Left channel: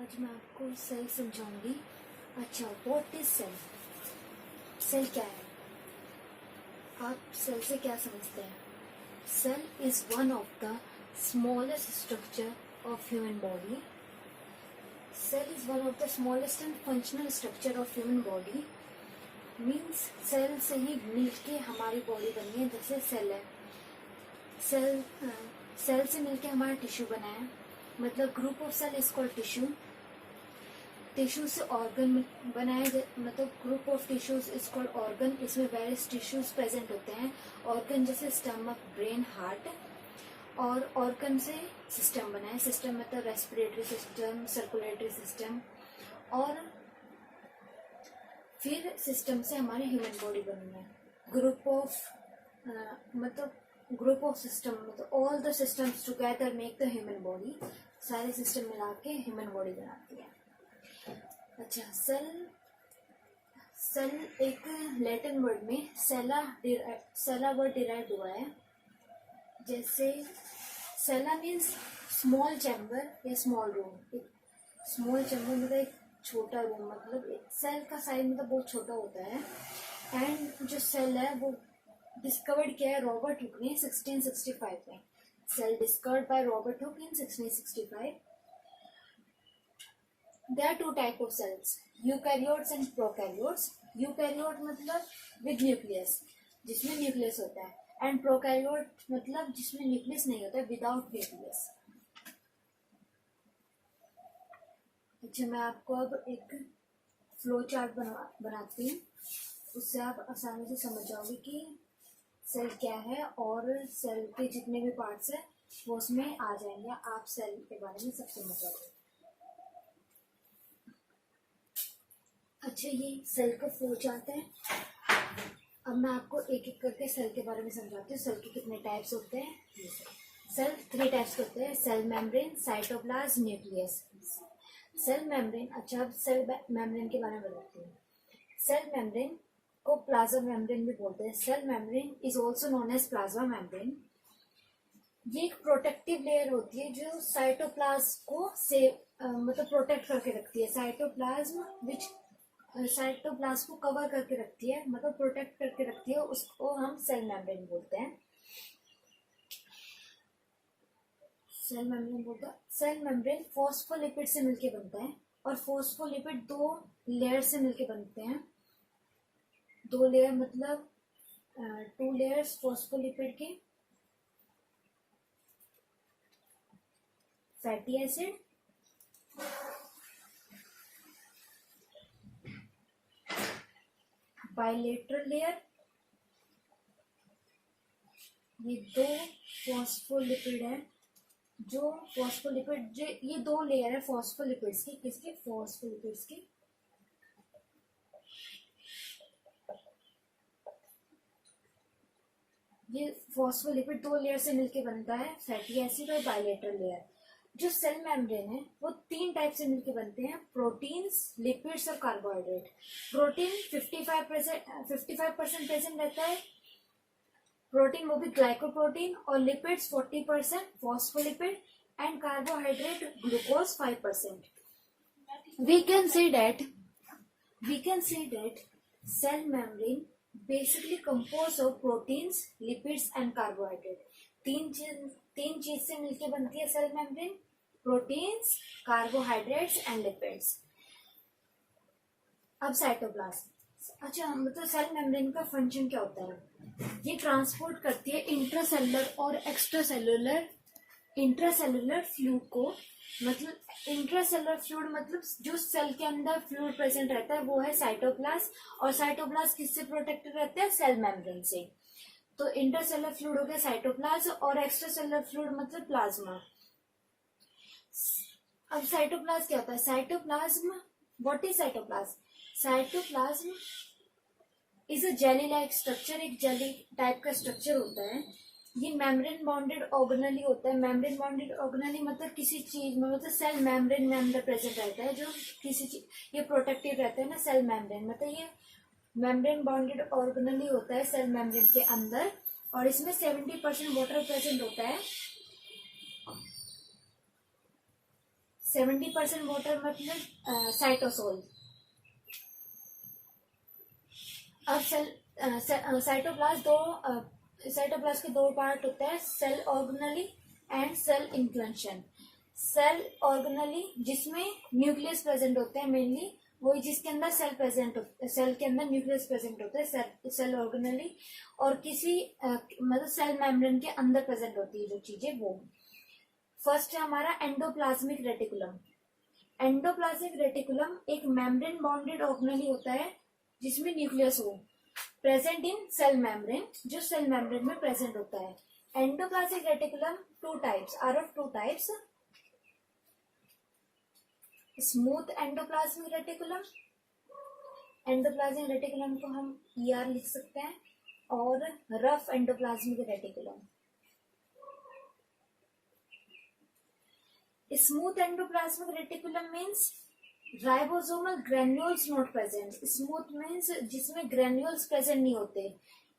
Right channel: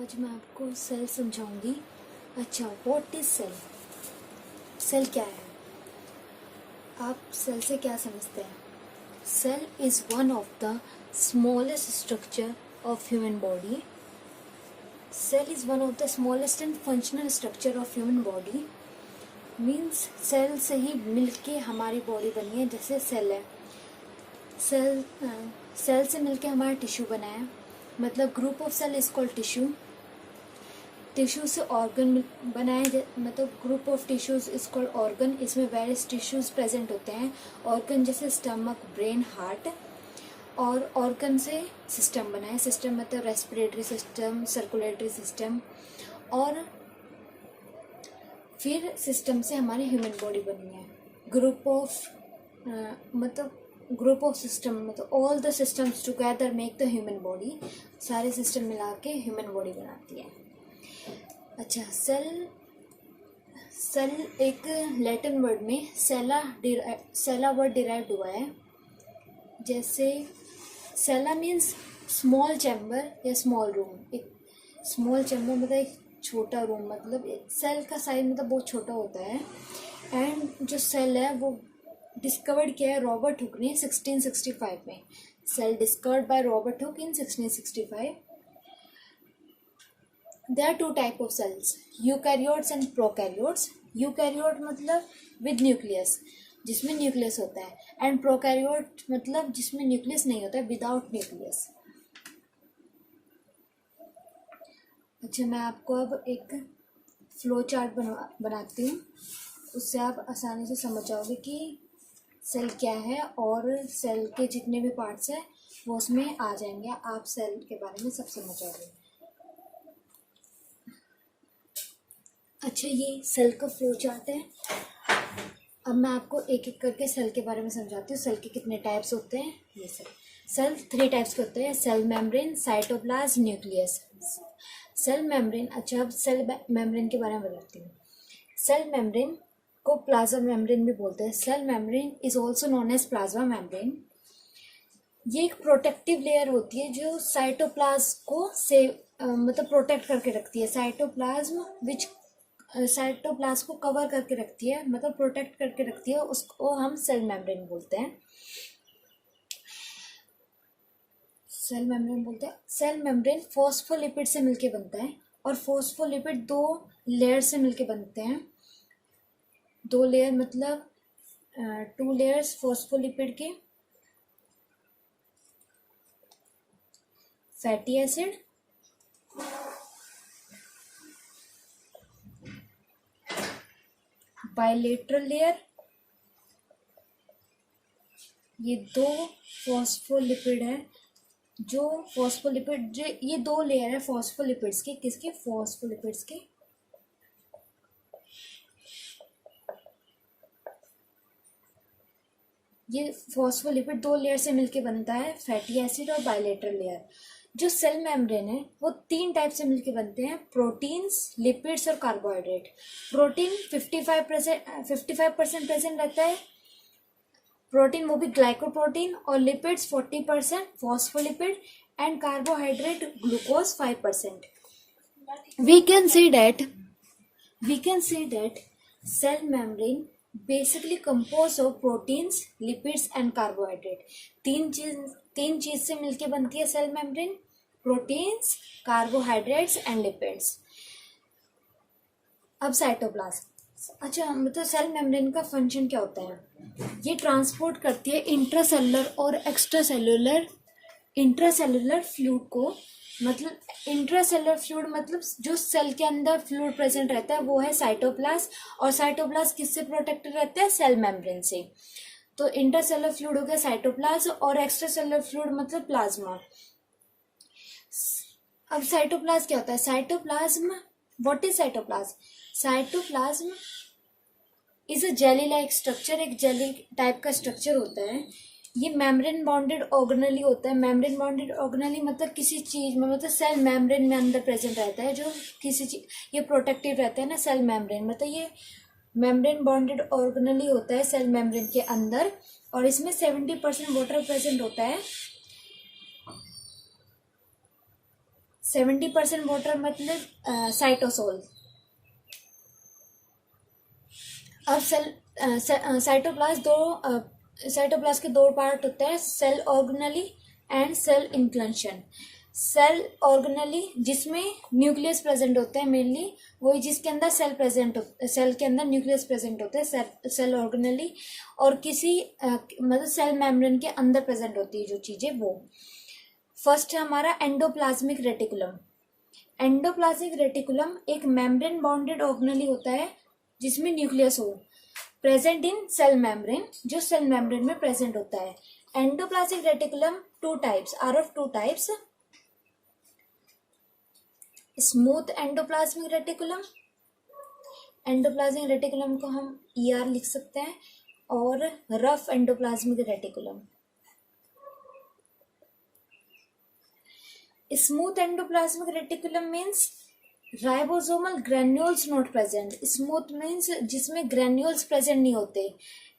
आज मैं आपको सेल समझाऊंगी। अच्छा, व्हाट इज सेल? सेल क्या है? आप सेल से क्या समझते हैं? Cell is one of the smallest structure of human body. Cell is one of the smallest and functional structure of human body. Means cell से ही मिलके हमारी बॉडी बनी है। जैसे सेल है, सेल से मिलके हमारा टिश्यू बना है। मतलब group of cell is called tissue. Tissue से ऑर्गन बनाए, मतलब group of tissues is called organ. इसमें वेरियस टिश्यूज प्रेजेंट होते हैं। ऑर्गन जैसे स्टमक, ब्रेन, हार्ट। और ऑर्गन से सिस्टम बना है। सिस्टम मतलब रेस्पिरेटरी सिस्टम, सर्कुलेटरी सिस्टम। और फिर सिस्टम से हमारी ह्यूमन बॉडी बनी है। ग्रुप ऑफ सिस्टम मतलब all the systems together make the human body. सारे सिस्टम मिला के ह्यूमन बॉडी बनाती है। अच्छा, सेल एक लैटिन वर्ड में सेला वर्ड डिराइव हुआ है। जैसे सेला मीन्स स्मॉल चैम्बर या स्मॉल रूम। एक स्मॉल चैम्बर मतलब एक छोटा रूम, मतलब सेल का साइज मतलब बहुत छोटा होता है। एंड जो सेल है वो डिस्कवर्ड किया है रॉबर्ट हुक ने 1665 में। Cell discovered by Robert Hooke in 1665। There are two type of cells, eukaryotes and prokaryotes. Eukaryote मतलब विद न्यूक्लियस, जिसमें न्यूक्लियस होता है। एंड प्रोकैरियोट मतलब जिसमें न्यूक्लियस नहीं होता है, विदाउट न्यूक्लियस। अच्छा, मैं आपको अब एक फ्लो चार्ट बनाती हूँ। उससे आप आसानी से समझ जाओगे कि सेल क्या है और सेल के जितने भी पार्ट्स हैं वो उसमें आ जाएंगे। आप सेल के बारे में सब समझ जाओगे। अच्छा, ये सेल का फ्लो चार्ट है। अब मैं आपको एक एक करके सेल के बारे में समझाती हूँ। सेल के कितने टाइप्स होते हैं। ये सेल 3 टाइप्स के होते हैं। Cell membrane, cytoplasm, nucleus. Cell membrane. अच्छा, अब सेल मेम्ब्रेन के बारे में बताती हूँ। सेल मेम्ब्रेन को प्लाज्मा मेम्ब्रेन भी बोलते हैं। Cell membrane is also known as plasma membrane. ये एक प्रोटेक्टिव लेयर होती है जो साइटोप्लाज्म को मतलब प्रोटेक्ट करके रखती है। साइटोप्लाज्म को कवर करके रखती है, मतलब प्रोटेक्ट करके रखती है। उसको हम सेल मेम्ब्रेन बोलते हैं। सेल मेम्ब्रेन फॉस्फोलिपिड से मिलके बनता है। और फॉस्फोलिपिड 2 लेयर से मिलके बनते हैं। 2 लेयर मतलब 2 लेयर्स फॉस्फोलिपिड के। Fatty acid, bilateral layer. ये 2 फॉस्फोलिपिड है। ये 2 लेयर है फॉस्फोलिपिड्स के। किसके? फॉस्फोलिपिड्स के। ये फॉस्फोलिपिड 2 लेयर से मिलके बनता है, फैटी एसिड और बाइलेटरल लेयर। जो सेल मेम्ब्रेन है वो 3 टाइप से मिलके बनते हैं, प्रोटीन्स, लिपिड्स और कार्बोहाइड्रेट। प्रोटीन 55% प्रेजेंट रहता है, प्रोटीन वो भी ग्लाइकोप्रोटीन। और lipids 40%, phospholipid. And carbohydrate glucose 5%। we can say that cell membrane basically composed of proteins, lipids and carbohydrate। तीन चीज से मिलके बनती है cell membrane, proteins, carbohydrates and lipids. अब साइटोप्लाज्म। अच्छा, मतलब सेल मेम्ब्रेन का फंक्शन क्या होता है? ये ट्रांसपोर्ट करती है इंट्रासेलुलर और एक्स्ट्रासेलुलर फ्लूइड को। मतलब इंट्रासेलुलर फ्लूइड मतलब जो सेल के अंदर फ्लूइड प्रेजेंट रहता है वो है साइटोप्लाज्म। और साइटोप्लाज्म किससे प्रोटेक्टेड रहता है? सेल मेम्ब्रेन से। तो इंट्रासेलुलर फ्लूइड हो गया साइटोप्लाज्म, और एक्स्ट्रासेलुलर फ्लूइड मतलब प्लाज्मा। अब साइटोप्लाज्म क्या होता है? Cytoplasm, what is cytoplasm? Cytoplasm is a jelly like structure. एक जेली टाइप का स्ट्रक्चर होता है। ये मेम्ब्रेन बॉन्डेड ऑर्गेनेली होता है। मेम्ब्रेन बॉन्डेड ऑर्गेनेली मतलब किसी चीज में, मतलब सेल मेम्ब्रेन में अंदर प्रेजेंट रहता है। जो किसी चीज, ये प्रोटेक्टिव रहता है ना सेल मेम्ब्रेन, मतलब ये मेम्ब्रेन बॉन्डेड ऑर्गेनेली होता है सेल मेम्ब्रेन के अंदर। और इसमें 70% वाटर प्रेजेंट होता है। 70% वाटर मतलब साइटोसोल। अब साइटोप्लाज्म के दो पार्ट होते हैं, cell organelles and cell inclusion. Cell organelles जिसमें न्यूक्लियस प्रेजेंट होते हैं मेनली, वही जिसके अंदर सेल के अंदर न्यूक्लियस प्रेजेंट होते हैं, सेल ऑर्गेनली। और किसी मतलब सेल मेम्ब्रेन के अंदर प्रेजेंट होती है जो चीजें, वो फर्स्ट है हमारा एंडोप्लाज्मिक रेटिकुलम। एंडोप्लाज्मिक रेटिकुलम एक मेम्ब्रेन बाउंडेड ऑर्गेनली होता है जिसमें न्यूक्लियस हो, प्रेजेंट इन सेल मेम्ब्रेन, जो सेल मेम्ब्रेन में प्रेजेंट होता है। Endoplasmic reticulum two types are of two types, smooth endoplasmic reticulum, endoplasmic reticulum को हम ER लिख सकते हैं, और rough endoplasmic reticulum. Smooth endoplasmic reticulum means ribosomal granules not present. Smooth means जिसमें ग्रेन्यूल्स प्रेजेंट नहीं होते।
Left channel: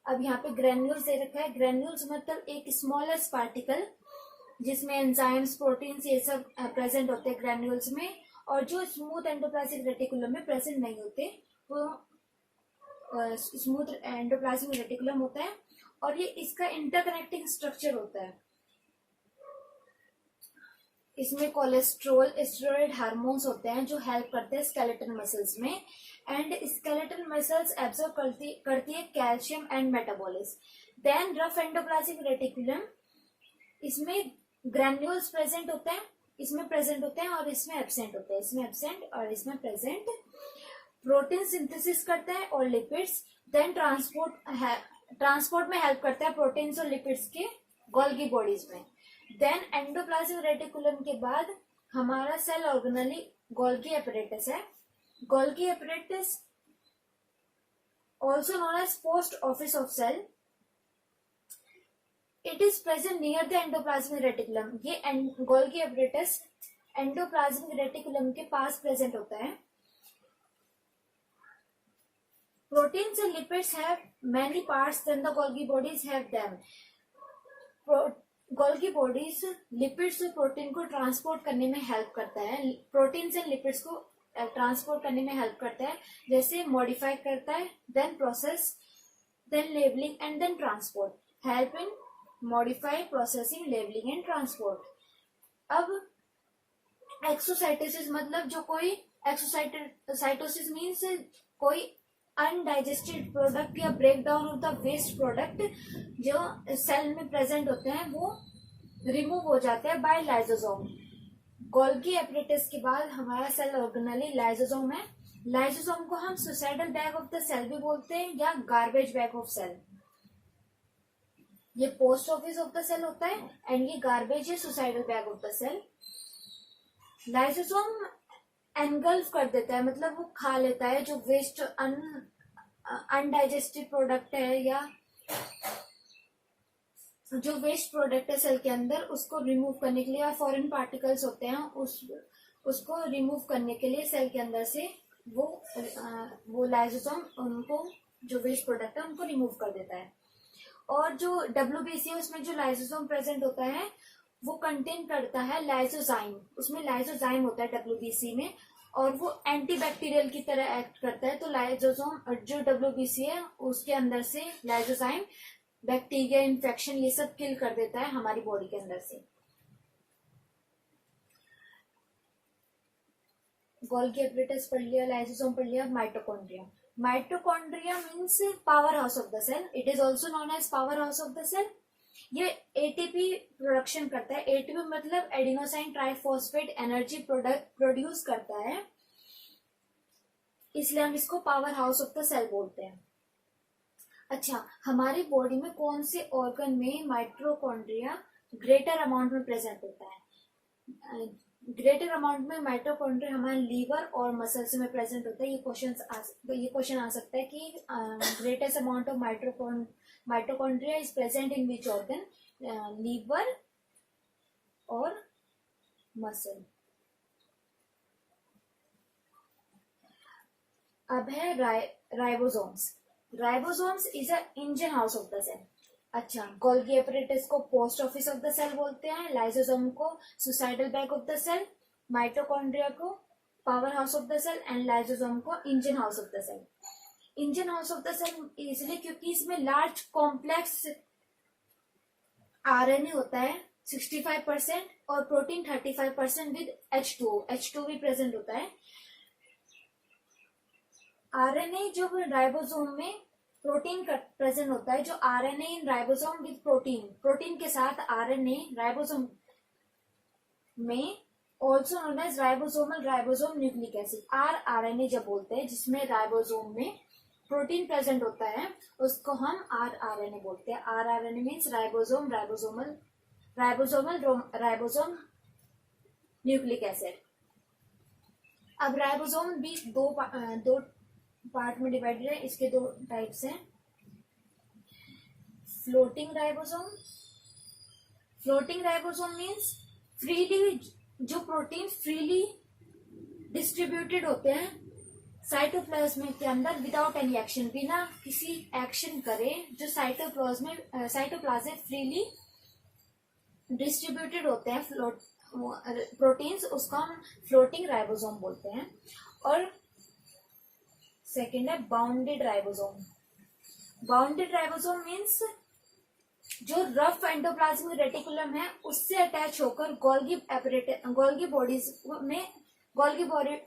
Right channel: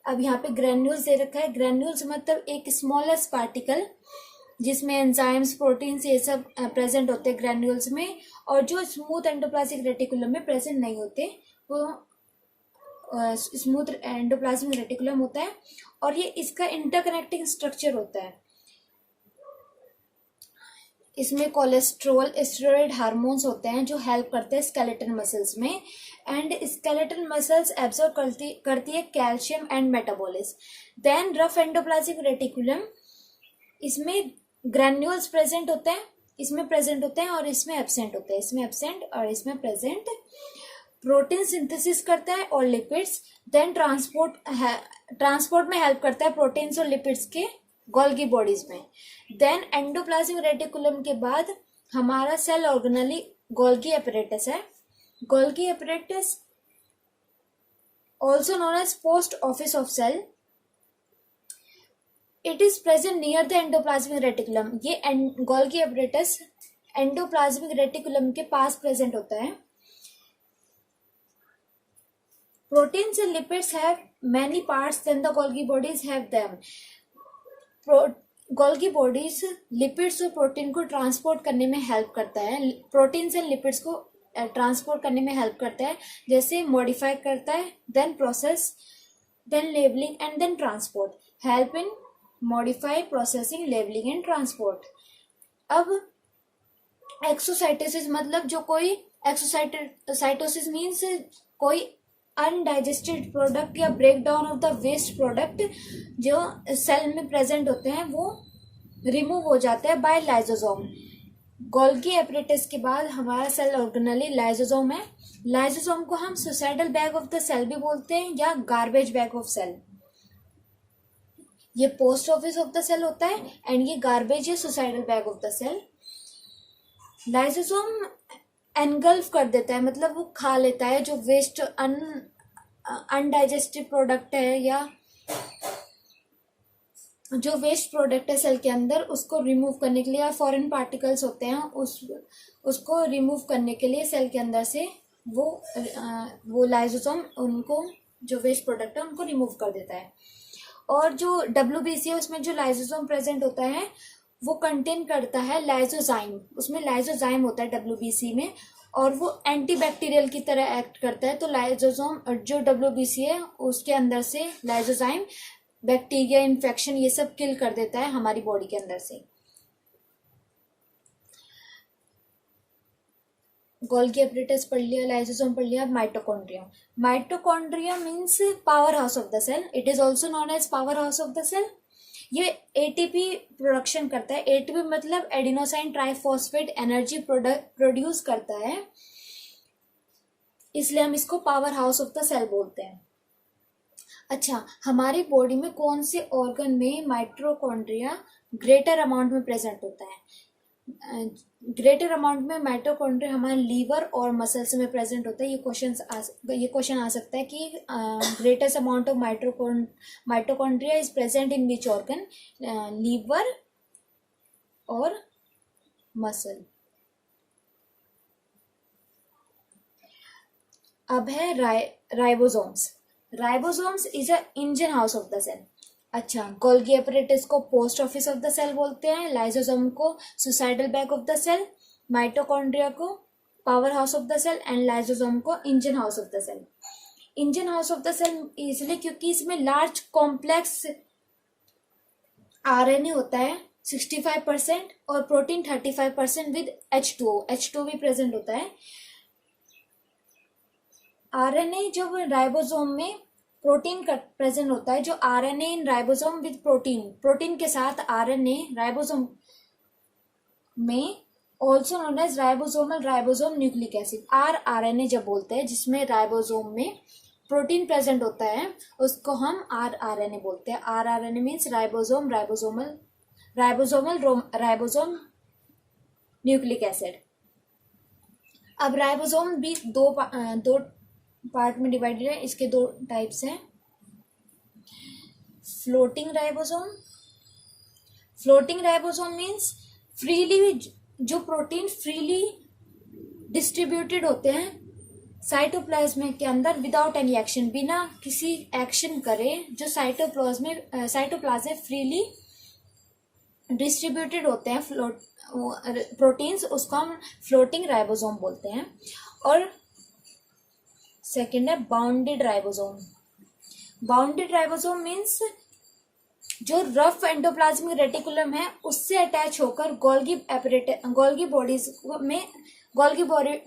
अब यहाँ पे ग्रेन्यूल्स दे रखा है, ग्रेन्यूल्स मतलब एक स्मॉलेस्ट पार्टिकल जिसमें एंजाइम्स प्रोटीन्स ये सब प्रेजेंट होते हैं ग्रेन्यूल्स में, और जो स्मूथ एंडोप्लाज्मिक रेटिकुलम में प्रेजेंट नहीं होते वो स्मूथ एंडोप्लाज्मिक रेटिकुलम होता है। और ये इसका इंटरकनेक्टिंग स्ट्रक्चर होता है। इसमें कोलेस्ट्रॉल स्टेरॉइड हार्मोन्स होते हैं जो हेल्प करते हैं स्केलेटन मसल्स में, एंड स्केलेटन मसल्स एब्जॉर्ब करती है calcium and metabolism. Then rough endoplasmic reticulum, इसमें ग्रैन्यूल्स प्रेजेंट होते हैं, इसमें प्रेजेंट होते हैं और इसमें एब्सेंट होते हैं, इसमें एब्सेंट और इसमें प्रेजेंट। प्रोटीन सिंथेसिस करता है और लिपिड्स, देन ट्रांसपोर्ट में हेल्प करता है प्रोटीन्स और लिपिड्स के गोल्गी बॉडीज में। देन एंडोप्लाज्मिक रेटिकुलम के बाद हमारा सेल ऑर्गेनली गोल्गी एपरेटस है। Golgi apparatus also known as post office of cell, it is present near the endoplasmic reticulum. ये गोल्गी एपरेटस एंडोप्लाज्मिक रेटिकुलम के पास प्रेजेंट होता है। Proteins and lipids have many parts than the Golgi bodies have them. Golgi bodies lipids और protein को transport करने में help करता है, प्रोटीन्स एंड लिपिड्स को ट्रांसपोर्ट करने में हेल्प करता है, जैसे मॉडिफाई करता है, then process, then labelling and then transport. Help in modify, processing, labelling and transport. अब एक्सोसाइटोसिस मतलब जो कोई एक्सोसाइटोसिस मीन्स कोई अनडाइजेस्टेड प्रोडक्ट या break down of the waste product जो सेल में प्रेजेंट होते हैं वो रिमूव हो जाते हैं बाय लाइसोसोम। गोल्गी एपरेटस के बाद हमारा सेल ऑर्गेनली लाइसोसोम है। लाइसोसोम को हम suicidal bag of the cell भी बोलते हैं या गार्बेज बैग ऑफ सेल। ये post office of the cell होता है एंड ये गार्बेज या suicidal bag of the cell. Lysosome engulf कर देता है, मतलब वो खा लेता है जो वेस्ट अनडाइजेस्टेड प्रोडक्ट है या जो वेस्ट प्रोडक्ट है सेल के अंदर, उसको रिमूव करने के लिए, या फॉरेन पार्टिकल्स होते हैं उसको रिमूव करने के लिए सेल के अंदर से वो लाइसोसोम उनको जो वेस्ट प्रोडक्ट है उनको रिमूव कर देता है। और जो WBC है उसमें जो लाइसोसोम प्रेजेंट होता है वो कंटेन करता है लाइसोजाइम, उसमें लाइसोजाइम होता है WBC में, और वो एंटीबैक्टीरियल की तरह एक्ट करता है। तो लाइसोसोम जो WBC है उसके अंदर से लाइसोजाइम बैक्टीरिया, इन्फेक्शन ये सब किल कर देता है हमारी बॉडी के अंदर से। गोल्गी एपरेटस पढ़ लिया, लाइसोसोम पढ़ लिया। Mitochondria, mitochondria means power house of the cell, it is also known as power house of the cell. ये ATP प्रोडक्शन करता है। ATP मतलब एडिनोसाइन ट्राइफॉस्फेट एनर्जी प्रोड्यूस करता है, इसलिए हम इसको power house of the cell बोलते हैं। अच्छा, हमारी बॉडी में कौन से ऑर्गन में माइटोकॉन्ड्रिया ग्रेटर अमाउंट में प्रेजेंट होता है? ग्रेटर अमाउंट में माइटोकॉन्ड्रिया हमारे लीवर और मसल्स में प्रेजेंट होता है। ये क्वेश्चन आ सकता है कि greatest amount of mitochondria is present in which organ, liver और मसल। अब है ribosomes. Ribosomes is a engine house of the cell. अच्छा, गोल्गी एपरेटस को post office of the cell बोलते हैं, लाइसोसोम को suicidal bag of the cell, mitochondria को power house of the cell and lysosome को engine house of the cell. Engine house of the cell इसलिए क्योंकि इसमें large complex RNA होता है 65% और प्रोटीन 35% विद H2O भी प्रेजेंट होता है। आरएनए जब राइबोसोम में प्रोटीन का प्रेजेंट होता है, जो RNA in ribosome with protein के साथ आरएनए राइबोसोम में also known as ribosome nucleic acid RNA जब बोलते हैं, जिसमें राइबोसोम में प्रोटीन प्रेजेंट होता है, उसको हम आरएनए बोलते हैं। RNA means ribosome nucleic acid. अब राइबोसोम भी दो पार्ट में डिवाइडेड है। इसके दो टाइप्स हैं, फ्लोटिंग राइबोसोम मीन्स फ्रीली, जो प्रोटीन फ्रीली डिस्ट्रीब्यूटेड होते हैं साइटोप्लाज्म के अंदर विदाउट एनी एक्शन, बिना किसी एक्शन करे, जो साइटोप्लाज्म फ्रीली डिस्ट्रीब्यूटेड होते हैं प्रोटीन्स, उसको हम फ्लोटिंग राइबोसोम बोलते हैं। और सेकेंड है बाउंडेड राइबोसोम मीन्स जो रफ एंडोप्लाज्मिक रेटिकुलम है उससे अटैच होकर गोल्गी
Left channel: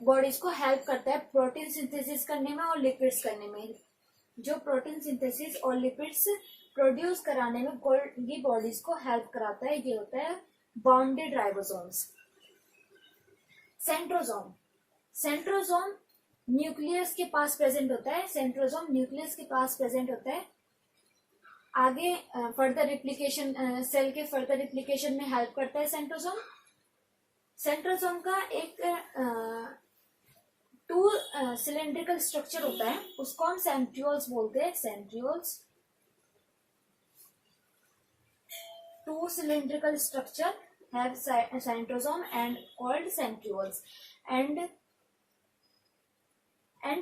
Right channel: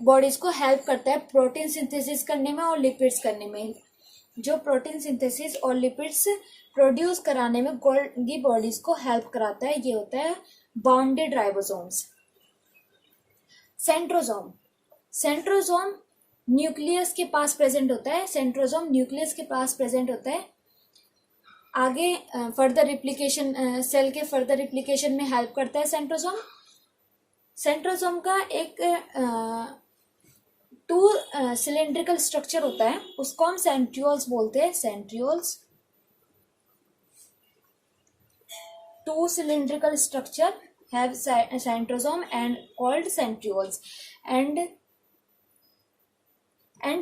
बॉडीज को हेल्प करता है प्रोटीन सिंथेसिस करने में और लिपिड्स करने में। जो प्रोटीन सिंथेसिस और लिपिड्स प्रोड्यूस कराने में गोल्गी बॉडीज को हेल्प कराता है, ये होता है बाउंडेड राइबोसोम्स। सेंट्रोसोम न्यूक्लियस के पास प्रेजेंट होता है। आगे फर्दर रिप्लिकेशन, सेल के फर्दर रिप्लिकेशन में हेल्प करता है सेंट्रोसोम का एक टू सिलेंड्रिकल स्ट्रक्चर होता है, उसको हम सेंट्रियोल्स बोलते हैं। Two cylindrical structure have centrosome and called centrioles and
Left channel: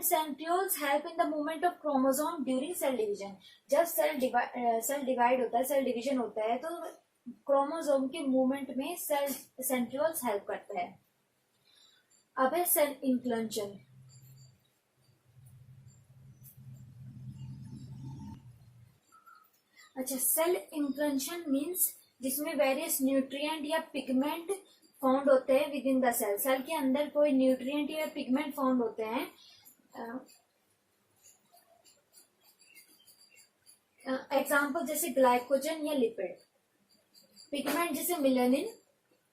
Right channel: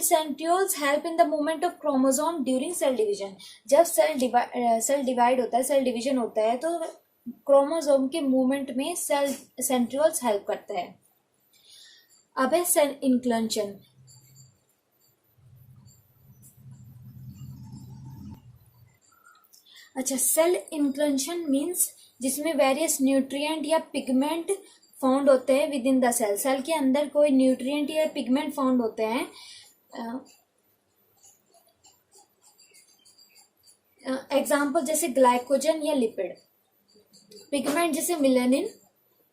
centrioles help in the movement of chromosome during cell division. जब सेल डिवाइड होता है, सेल डिवीजन होता है, तो क्रोमोसोम के मूवमेंट में सेंट्रियोल्स हेल्प करता है। अब है सेल इंक्लंशन। अच्छा, सेल इंक्लंशन मीन्स जिसमें वेरियस न्यूट्रिएंट या पिगमेंट फाउंड होते हैं विद इन द सेल के अंदर कोई न्यूट्रिएंट या पिगमेंट फाउंड होते हैं। एग्जाम्पल जैसे ग्लाइकोजन या लिपिड। पिगमेंट जैसे मिलेनिन,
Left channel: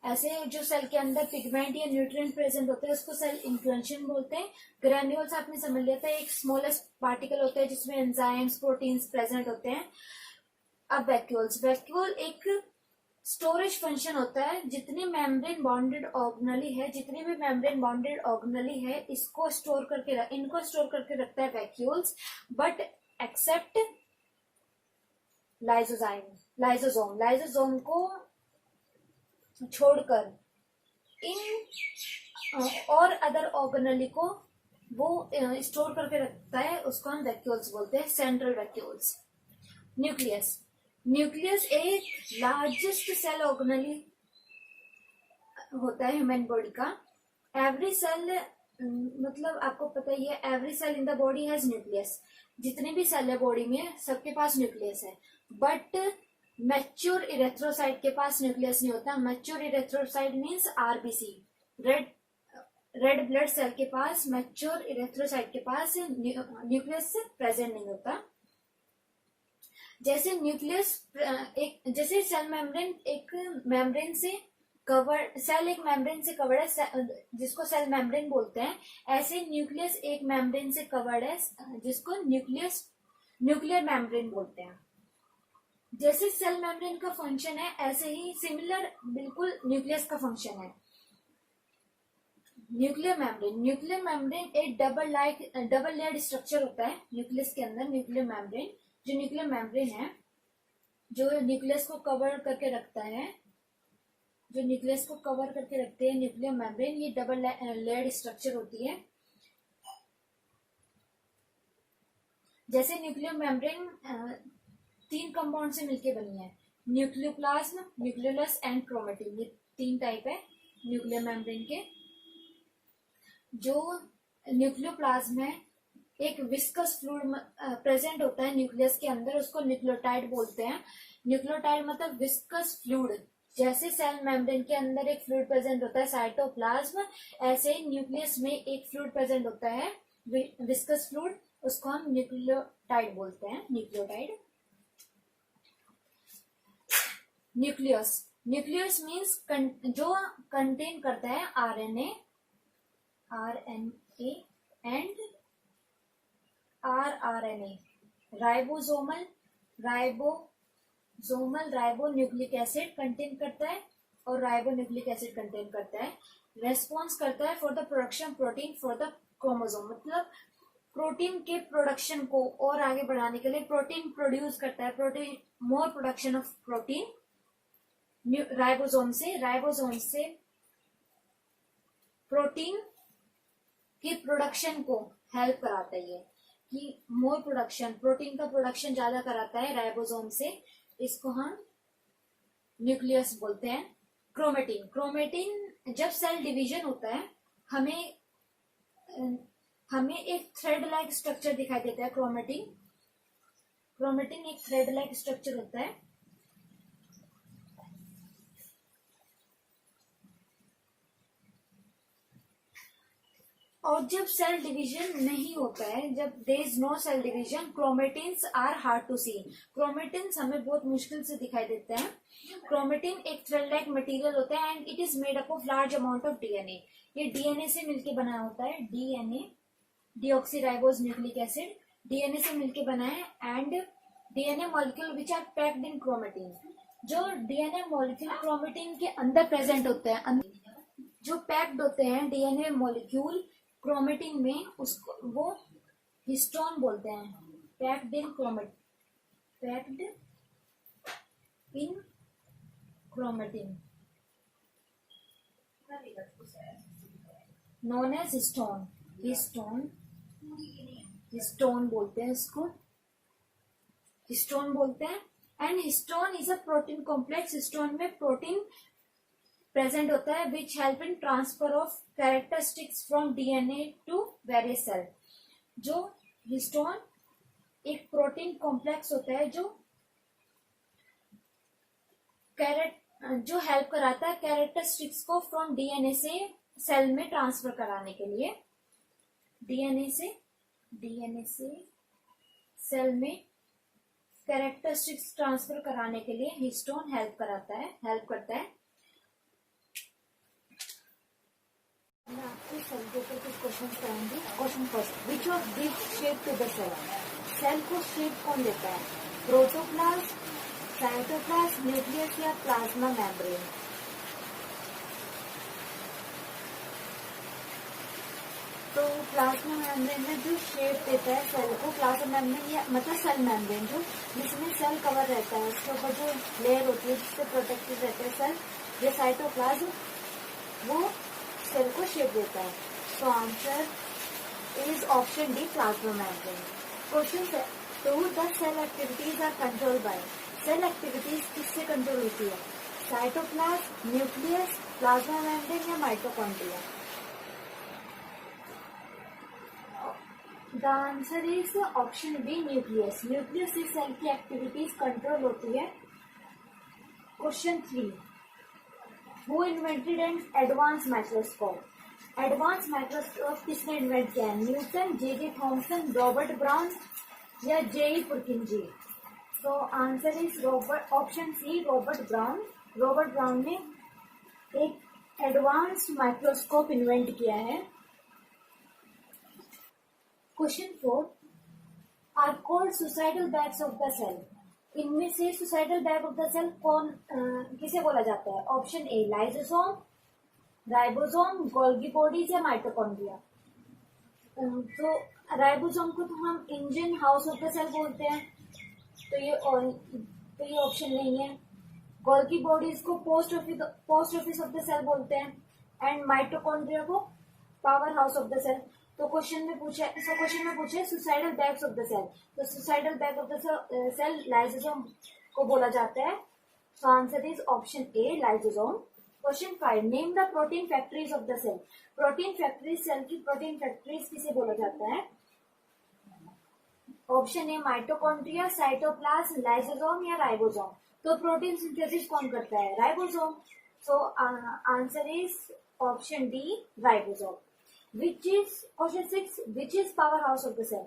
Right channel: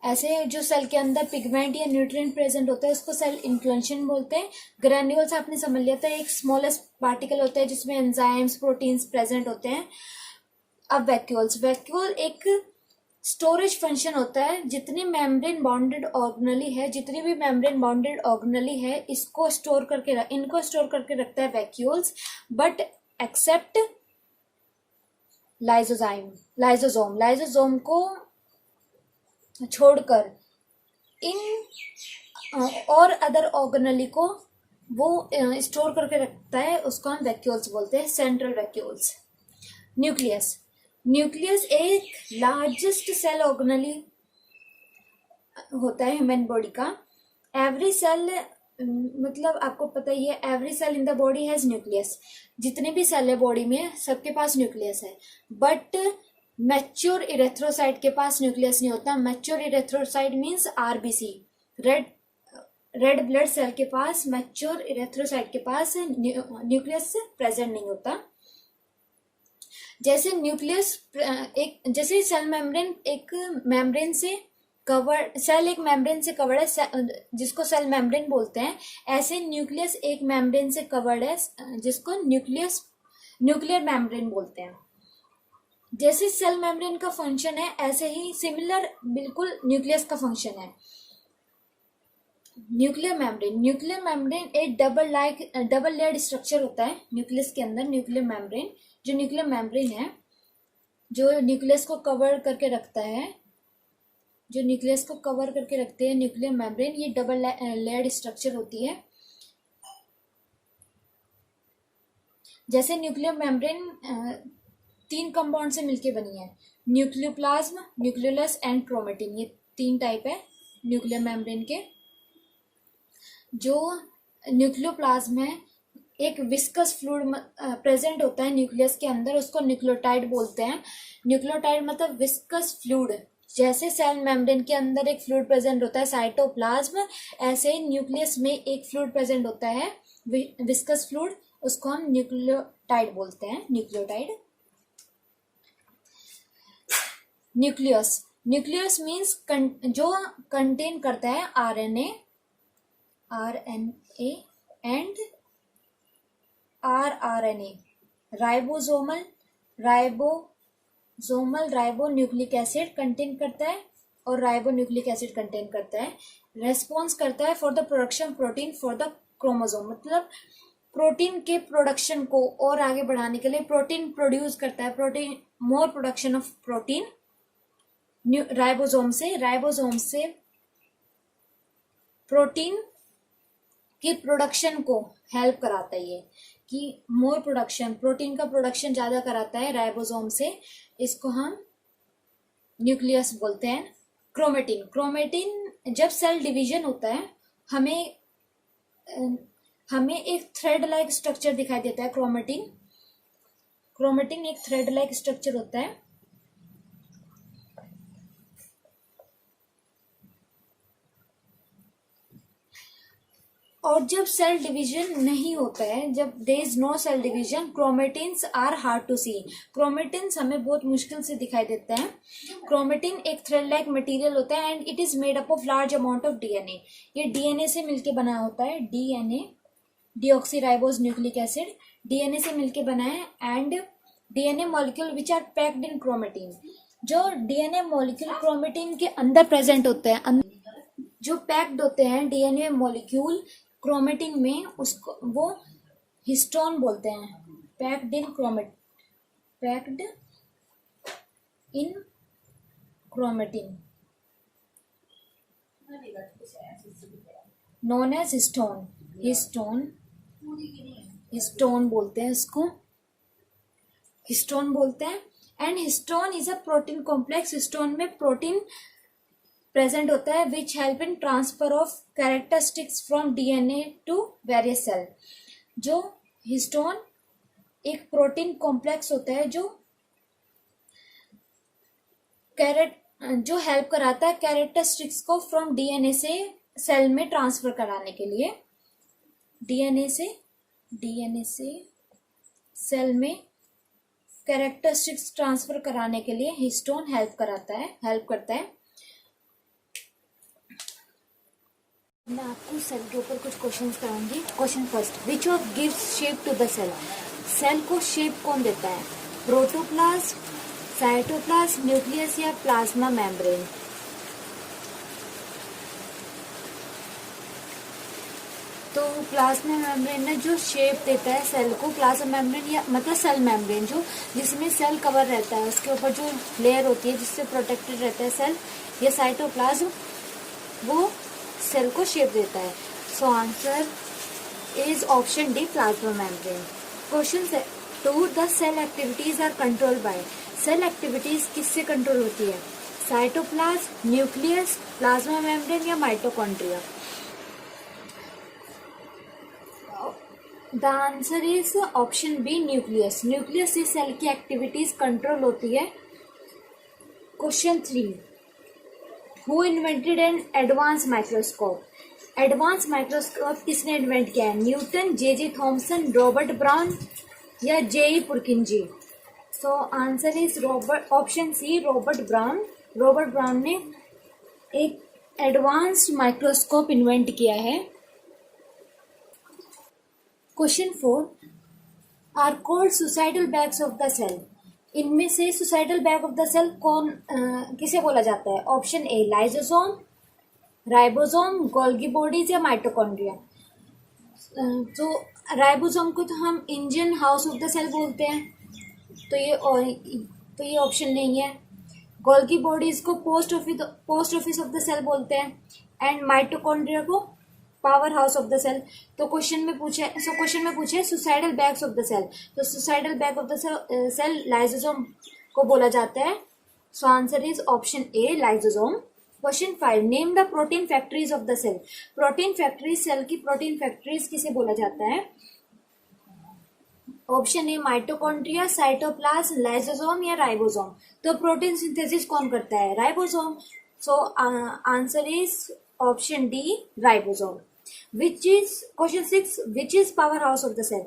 ऐसे जो सेल के अंदर पिगमेंट या न्यूट्रिएंट प्रेजेंट होते हैं उसको सेल इंक्लंशन बोलते हैं। ग्रैन्यूल्स आपने समझ लिया था, एक स्मॉलेस्ट पार्टिकल होता है जिसमें एंजाइम्स प्रोटीन्स प्रेजेंट होते हैं। अब वैक्यूल एक स्टोरेज फंक्शन होता है। जितनी भी मेम्ब्रेन बाउंडेड ऑर्गेनेली है, इनको स्टोर करके रखता है वैक्यूल्स, बट एक्सेप्ट लाइसोसोम को छोड़कर इन और अदर ऑर्गेनेली को वो स्टोर करके रखता है, उसको हम वैक्यूल्स बोलते हैं, सेंट्रल वैक्यूल्स। न्यूक्लियस एक लार्जेस्ट सेल ऑर्गेनेली होता है ह्यूमन बॉडी का। एवरी सेल, मतलब आपको पता ही है, every cell in the body has nucleus. जितने भी सेल है बॉडी में सबके पास न्यूक्लियस है, बट मैच्योर इरेथ्रोसाइट के पास न्यूक्लियस नहीं होता। Mature erythrocyte means RBC, red blood cell के पास, मैच्योर इरेथ्रोसाइट के पास न्यूक्लियस प्रेजेंट नहीं होता। जैसे जैसे सेल मेम्ब्रेन एक मेम्ब्रेन से कवर्ड, सेल एक मेम्ब्रेन से कवर्ड है जिसको सेल मेम्ब्रेन बोलते हैं, ऐसे न्यूक्लियस एक मेम्ब्रेन से कवर्ड है जिसको न्यूक्लियर मेम्ब्रेन बोलते हैं। जैसे सेल मेम्ब्रेन का फंक्शन है, ऐसे ही सिमिलर बिल्कुल न्यूक्लियस का फंक्शन है। न्यूक्लियर मेम्ब्रेन एक डबल लेयर्ड स्ट्रक्चर होता है न्यूक्लियस के अंदर। न्यूक्लियर मेम्ब्रेन है जो न्यूक्लियस को कवर करके रखता है, न्यूक्लियर मेम्ब्रेन, ये डबल लेयर्ड स्ट्रक्चर होती है। जैसे न्यूक्लियर मेम्ब्रेन 3 कंपाउंड से मिलके बनी है, न्यूक्लियोप्लाज्म, न्यूक्लियोलस एंड क्रोमेटिन। ये 3 टाइप है न्यूक्लियर मेम्ब्रेन के। जो न्यूक्लियोप्लाज्म है, एक विस्कस फ्लूइड प्रेजेंट होता है न्यूक्लियस के अंदर, उसको न्यूक्लियोटाइड बोलते हैं। न्यूक्लियोटाइड मतलब विस्कस फ्लूइड। जैसे सेल मेम्ब्रेन के अंदर एक फ्लूइड प्रेजेंट होता है साइटोप्लाज्म, ऐसे न्यूक्लियस में एक फ्लूइड प्रेजेंट होता है विस्कस फ्लूइड, उसको हम न्यूक्लियोटाइड बोलते हैं, न्यूक्लियोटाइड। न्यूक्लियस, न्यूक्लियस मीन्स जो कंटेन करता है RNA and rRNA, ribosomal ribonucleic acid contain करता है और राइबोन्यूक्लिक एसिड कंटेन करता है। रेस्पॉन्स करता है for the production protein for the chromosome, मतलब प्रोटीन के प्रोडक्शन को और आगे बढ़ाने के लिए प्रोटीन प्रोड्यूस करता है, protein more production of protein ribosome से प्रोटीन की प्रोडक्शन को हेल्प कराता है, ये कि मोर प्रोडक्शन, प्रोटीन का प्रोडक्शन ज्यादा कराता है राइबोसोम से, इसको हम न्यूक्लियस बोलते हैं। क्रोमेटिन जब सेल डिवीजन होता है हमें एक थ्रेड लाइक स्ट्रक्चर दिखाई देता है। क्रोमेटिन एक थ्रेड लाइक स्ट्रक्चर होता है। और जब सेल डिवीजन नहीं होता है, जब there is no cell division, chromatins are hard to see. Chromatins हमें बहुत मुश्किल से दिखाई देते हैं। क्रोमेटिन एक थ्रेड लाइक मटेरियल होता है and it is made up of large amount of DNA. ये डीएनए से मिलके बना होता है, DNA deoxyribose nucleic acid DNA से मिलके बना है। And DNA molecule which are packed in chromatin, जो डीएनए मॉलिक्यूल क्रोमेटिन के अंदर प्रेजेंट होते हैं, जो पैक्ड होते हैं डीएनए मॉलिक्यूल क्रोमेटिन में, उसको वो हिस्टोन बोलते हैं। Packed in chromatin known as histone बोलते हैं उसको, हिस्टोन बोलते हैं। And histone is a protein complex. Histone में प्रोटीन प्रेजेंट होता है which help in transfer of characteristics from DNA to various cell. जो हिस्टोन एक प्रोटीन कॉम्प्लेक्स होता है जो हेल्प कराता है कैरेक्टरिस्टिक्स को फ्रॉम डीएनए से सेल में ट्रांसफर कराने के लिए। डीएनए से सेल में कैरेक्टरिस्टिक्स ट्रांसफर कराने के लिए हिस्टोन हेल्प करता है। मैं आपको सेल के ऊपर कुछ क्वेश्चंस कराऊंगी। Question first, which of gives shape to the cell? Cell को शेप कौन देता है? प्रोटोप्लाज्म, साइटोप्लाज्म, न्यूक्लियस या प्लाज्मा मेम्ब्रेन? तो प्लाज्मा मेम्ब्रेन ने जो शेप देता है सेल को, प्लाज्मा मेम्ब्रेन या मतलब सेल मेम्ब्रेन जो जिसमें सेल कवर रहता है, उसके ऊपर जो लेयर होती है जिससे प्रोटेक्टेड रहता है सेल, ये साइटोप्लाज्म, वो सेल को शेप देता है। So answer is option D, plasma membrane. Question 2, the cell activities are controlled by. Cell activities किससे कंट्रोल होती है? साइटोप्लाज्म, न्यूक्लियस, प्लाज्मा मेम्ब्रेन या mitochondria? The answer is option B, nucleus. Nucleus से cell की activities control होती है। Question 3, who invented an advance microscope? Advance microscope किसने invent किया है? Newton, J Thomson, Robert Brown या J Purkinje? So answer is option C, Robert Brown. Robert Brown ने एक एडवांस्ड माइक्रोस्कोप इन्वेंट किया है। Question 4, are called suicidal bags of the cell. इनमें से suicidal bag of the cell कौन किसे बोला जाता है? Option A, lysosome, ribosome, Golgi bodies या माइटोकॉन्ड्रिया? तो राइबोसोम को तो हम engine house of the cell बोलते हैं, तो ये ऑप्शन नहीं है। गोल्गी बॉडीज को post office of the cell बोलते हैं एंड माइटोकॉन्ड्रिया को power house of the cell. तो क्वेश्चन में पूछे suicidal bags of the cell, तो suicidal bag of the cell lysosome को बोला जाता है। So answer is option A, lysosome. Question 5, name the protein factories of the cell. Protein factories, cell की protein factories किसे बोला जाता है? Option A mitochondria, cytoplasm, lysosome या राइबोसोम। तो प्रोटीन सिंथेसिस कौन करता है? Ribosome. So answer is option D, ribosome. Which is question 6, which is power house of the cell.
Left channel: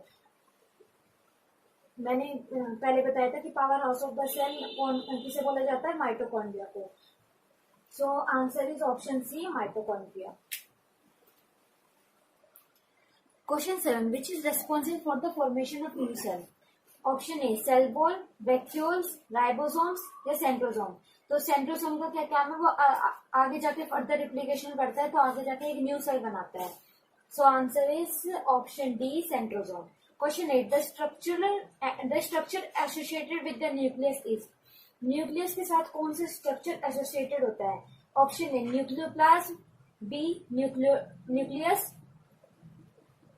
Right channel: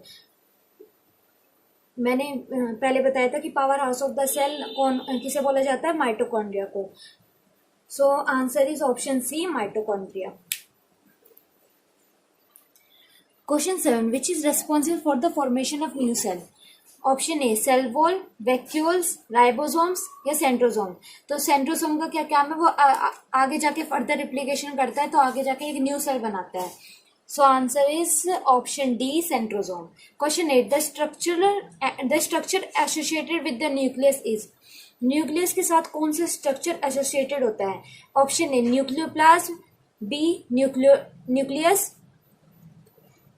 मैंने पहले बताया था कि power house of the cell कौन किसे बोला जाता है? माइटोकॉन्ड्रिया को। So answer is option C, mitochondria. Question 7, which is responsible for the formation of new cell. Option A cell wall, vacuoles, ribosomes या सेंट्रोसोम। तो सेंट्रोसोम का क्या काम है? वो आगे जाके फर्दर रिप्लिकेशन करता है, तो आगे जाके एक न्यू सेल बनाता है। So answer is option D, centrosome. Question 8, the structure associated with the nucleus is. Nucleus के साथ कौन सा स्ट्रक्चर एसोसिएटेड होता है? Option A nucleoplasm, B nucleus,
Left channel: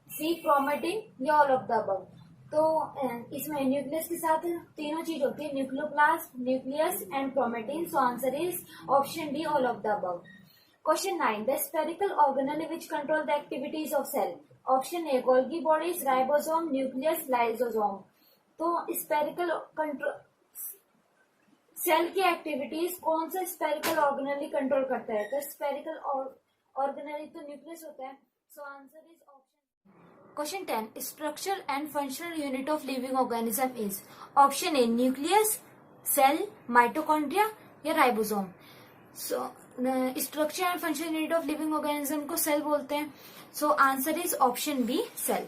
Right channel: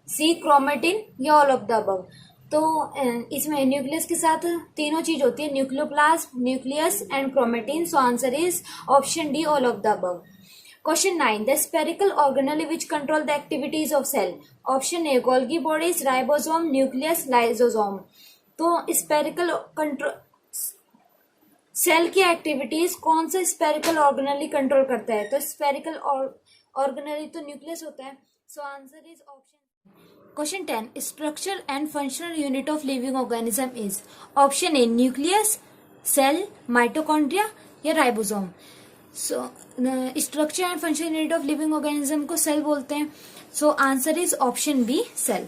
C chromatin या ऑल ऑफ द अबव। तो इसमें न्यूक्लियस के साथ तीनों चीज होती है, nucleoplasm, nucleus and chromatin. So answer is option D, all of the above. Question 9, the spherical organelle which control the activities of cell. Option A Golgi bodies, ribosome, nucleus, lysosome. तो spherical control cell की activities कौन सा spherical organelle control करता है? तो spherical organelle तो nucleus होता है। So answer is option. Question 10, structure and functional unit of living organism is. Option A nucleus, cell, mitochondria या ribosome. So structure and functional unit of living organism को cell बोलते हैं। So answer is option B, cell.